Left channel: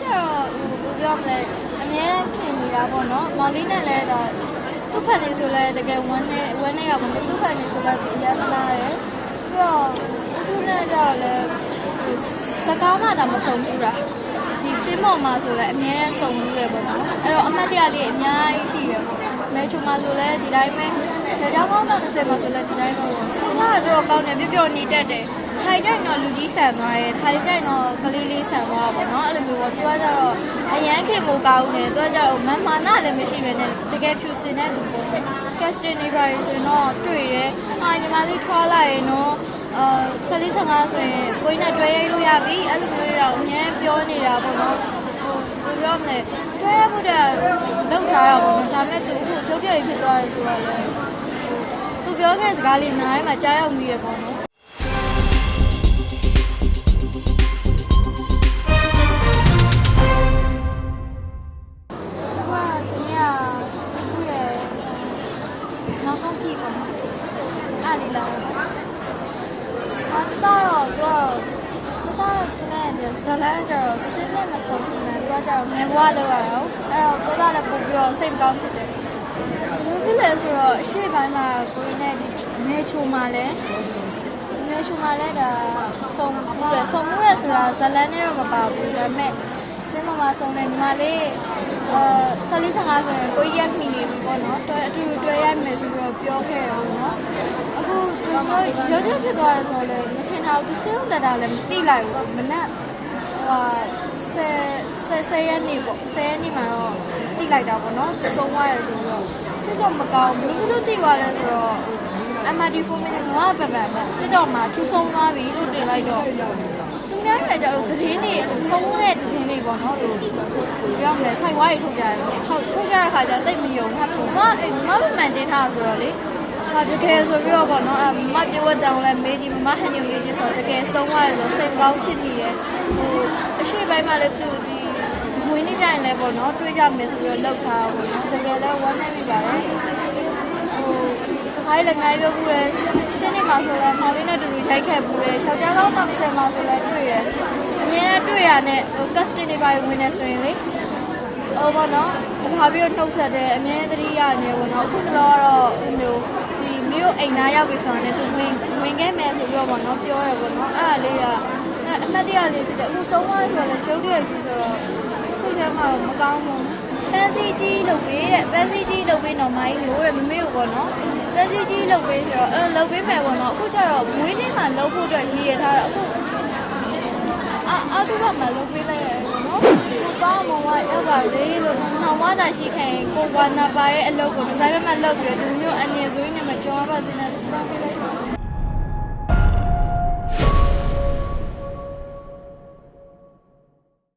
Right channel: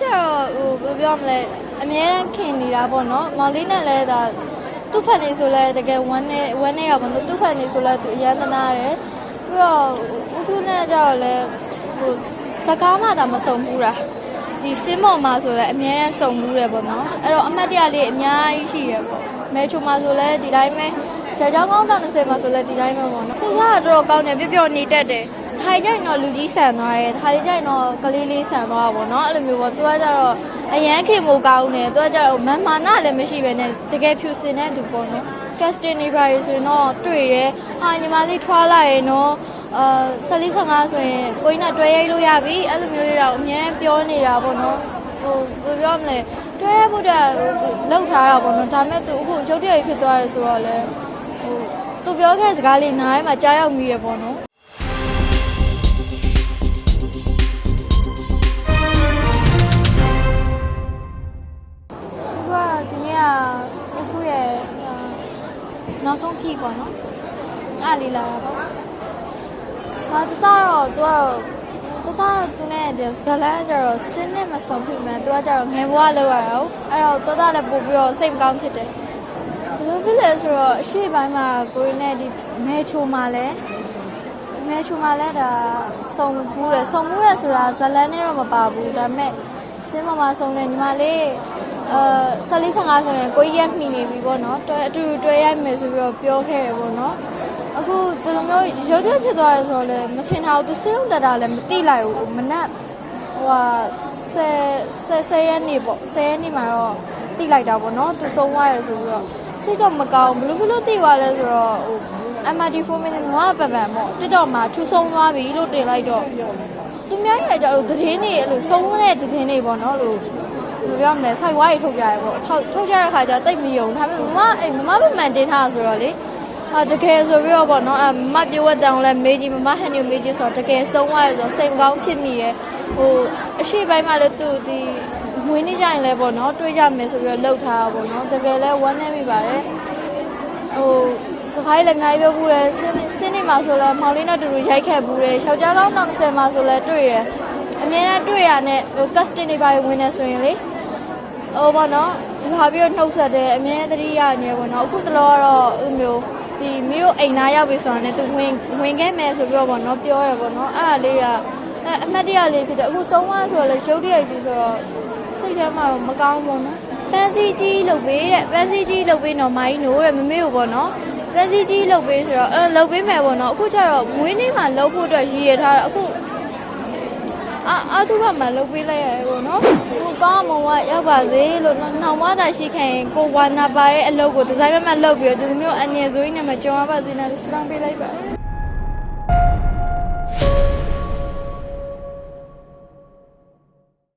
ကျတော့ဟိုဘယ်ပြောမလဲအမြဲတမ်းခင်နေတာပေါ့နော်မောင်လေးနဲ့လည်းဒါသူ့ဖန်နေဆိုလဲတကယ်ဝမ်းနဲ့ဝမ်းနဲ့ရပါဘူးသူ့ဖန်နေဆိုလဲဒီအရန်သနာတယ်ပြီးတော့သူ့နဲ့ကျတော့လည်းဟိုစကားမှသာမဆုံးဘူးလားဒီစင်းမောင်မှာဆိုလဲအမြဲတမ်းစုံဘူးတယ်ပေါ့နော်အဲ့တော့အမတ်တရလေးအများကြီးရှိရပေါ့မဲချုံမှာဆိုလဲဒီတိုင်းပဲဇာကြောင်းကောင်းတာ20မှာဆိုလဲဒီတိုင်းပဲပေါ့ဆိုတော့တော့ကောင်းတယ်ပြပြနေတတ်တယ် ထိုင်ကြရင်တော့လူကြီးဆန်သွားတယ်ထိုင်ကြရင်တော့ကလေးလေးဆန်သွားတာပေါ့နော်အဲ့လိုမျိုးပေါ့သူကကြတော့အရန်ခင်မို့ကောင်းတယ်သူကကြတော့မမာနလည်းမရှိပဲနဲ့တကယ်ဖြူစင်တဲ့သူပေါ့နော် casting နေပါရေဆိုရင်တော့တွေ့ရဲအာညီမလေးထွားလိုက်ရင်တော့အာ၁၄၁၅ဆိုရင်ကိုင်းနဲ့တွဲရိုက်လို့ရပြီအဲ့လိုမျိုးတွေတော့အများပြောနေတာပေါ့နော်ဟိုဘယ်ပြောမလဲတွဲဖို့တဲ့လောက်ထားတာပေါ့နော်ဒါမဲ့သူအခုရုပ်တရက်ဖြစ်သွားရဲဆိုတော့လေဟိုသူပြောတဲ့စကားလေးနားထဲမှာကြားရောက်မိရပေါ့နော် အဲ့လီလာတော့တတော့တော့တတော့သူနဲ့ဇလန်းကျတော့စင်းနဲ့မဆုံးဖြစ်မယ်သူကကျတော့ငယ်ဘွားလောက်ရအောင်အဲ့တော့တတော့လည်းပို့ပြီးတော့စိတ်မကောင်းဖြစ်တယ်ဘယ်ဖြစ်လဲဆိုတော့အရှိပိုင်းမှာကိုရင်းနဲ့ဒီမဲချိုမှာလဲမဲချိုမှာလဲဒါစုံဘူးတယ်စုံဘူးရဆိုတာဇလန်းနဲ့တော့မပါဘူးဒါပေမဲ့စင်းမမဆုံးနေညီမလေးအဲဆယ်လေးဆယ်ငါဆိုရင်ကိုကြီးရမိနေပြီပေါ့နော်တွဲအတူတူတွဲရမယ်ဆိုပြီးတော့ပြောခဲ့ရပေါ့နော်အခုသူတို့ ရုပ်တရက်ဖြစ်သွားရဆိုတော့လည်းမထင်တာဘူးသူစင်းတက်တာလည်းမသိလိုက်ဘူးမနက်ဟိုဟာဆယ်ဆယ်ဆယ်ရက်နေပေါ့ဆယ်ရက်နေမှာတော့သိလိုက်တာပေါ့နော်သူဆုံးသွားရဆိုပြီးတော့စိတ်တော့မကောင်းဘူးဘယ်လိုလုပ်သိသွားလဲဆိုတော့ဟို MRD4 minute ငါပပန်ပေါ့တက်တော့မှထူဆုံးသွားပြီလို့တင်လိုက်တော့သူများရဲ့ကြတော့သတင်းတွေအဲ့လိုဆုံးတဲ့သတင်းတွေပေါ့နော်ဟိုဘယ်ပြောမလဲစိုက်ဝါးတွေထုတ်ကြတယ်ပေါ့ထုတ်ထုတ်ကြတဲ့ခါကျတိတ်မယုံဒါပေမဲ့ငါအဲ့ငါပပန်တင်ထားဆိုတော့လေ ဟာတကယ်ဆိုပြီးတော့ပေါ့နော်အမပြောဝတ်တောင်းလဲမေးကြည့်မမဟန်ညမေးကြည့်ဆိုတော့တကယ်ဆုံးသွားတယ်ဆိုတော့စိတ်ကောင်းဖြစ်မိရဲ့ဟိုအရှိပိုင်းမှာလည်းသူဒီငွေနေကြရင်လည်းပေါ့နော်တွေးကြမယ်ဆိုပြီးတော့လှုပ်ထားတာပေါ့နော်တကယ်လည်းဝမ်းနေပြီပါတယ်ဟိုစခိုင်းလည်းအများကြီးပြောဘူးလေစင်းစင်းနေမှာဆိုတော့မောင်လေးနဲ့တူတူရိုက်ခဲ့ဘူးလေယောက်ျားကောင်းနောက်10မှာဆိုလည်းတွေ့ရအများနဲ့တွေ့ရနဲ့ဟို custom တွေပါဝင်နေဆိုရင်လေဟိုပေါ့နော်လာပြီးတော့နှုတ်ဆက်တယ်အများသတိရနေပေါ့နော်အခုတော့တော့ဟိုမျိုး ဒီမျိုးအိမ်သားရောက်ပြီဆိုရင်လည်းသူဝင်ဝင်ခဲ့မယ်ဆိုပြီးတော့ပေါ့နော်ပြောရပေါ့နော်အဲ့ဒါလေးကအမှတ်တရလေးဖြစ်တယ်အခုဆုံးသွားဆိုလည်းရုပ်တရက်ကြီးဆိုတော့စိတ်ထဲမှာတော့မကောင်းဘူးနော်ပန်းစည်းကြီးလုပ်ပေးတဲ့ပန်းစည်းကြီးလုပ်ပေးတော့မိုင်းလို့တဲ့မမေကိုပေါ့နော်ပန်းစည်းကြီးလုပ်ပေးဆိုတော့အဲလုပ်ပေးမယ်ပေါ့နော်အခုကျတော့ဝင်းလေးမှာလုပ်ဖို့အတွက်ရည်ရထားတာအခုအာအတူကမှလုပ်ပေးလိုက်ရတယ်ပေါ့နော် ကိုကောင်းမဝရောက်ပါစေလို့နှောင်မသာရှိခိုင်ကိုဝါနာပါရဲ့အလုပ်ကိုဒီဇိုင်းမမလုပ်ပြီးတော့ဒီလိုမျိုးအနေဆိုရင်နဲ့မကြုံရပါစေနဲ့ဆုတောင်းပေးလိုက်ပါ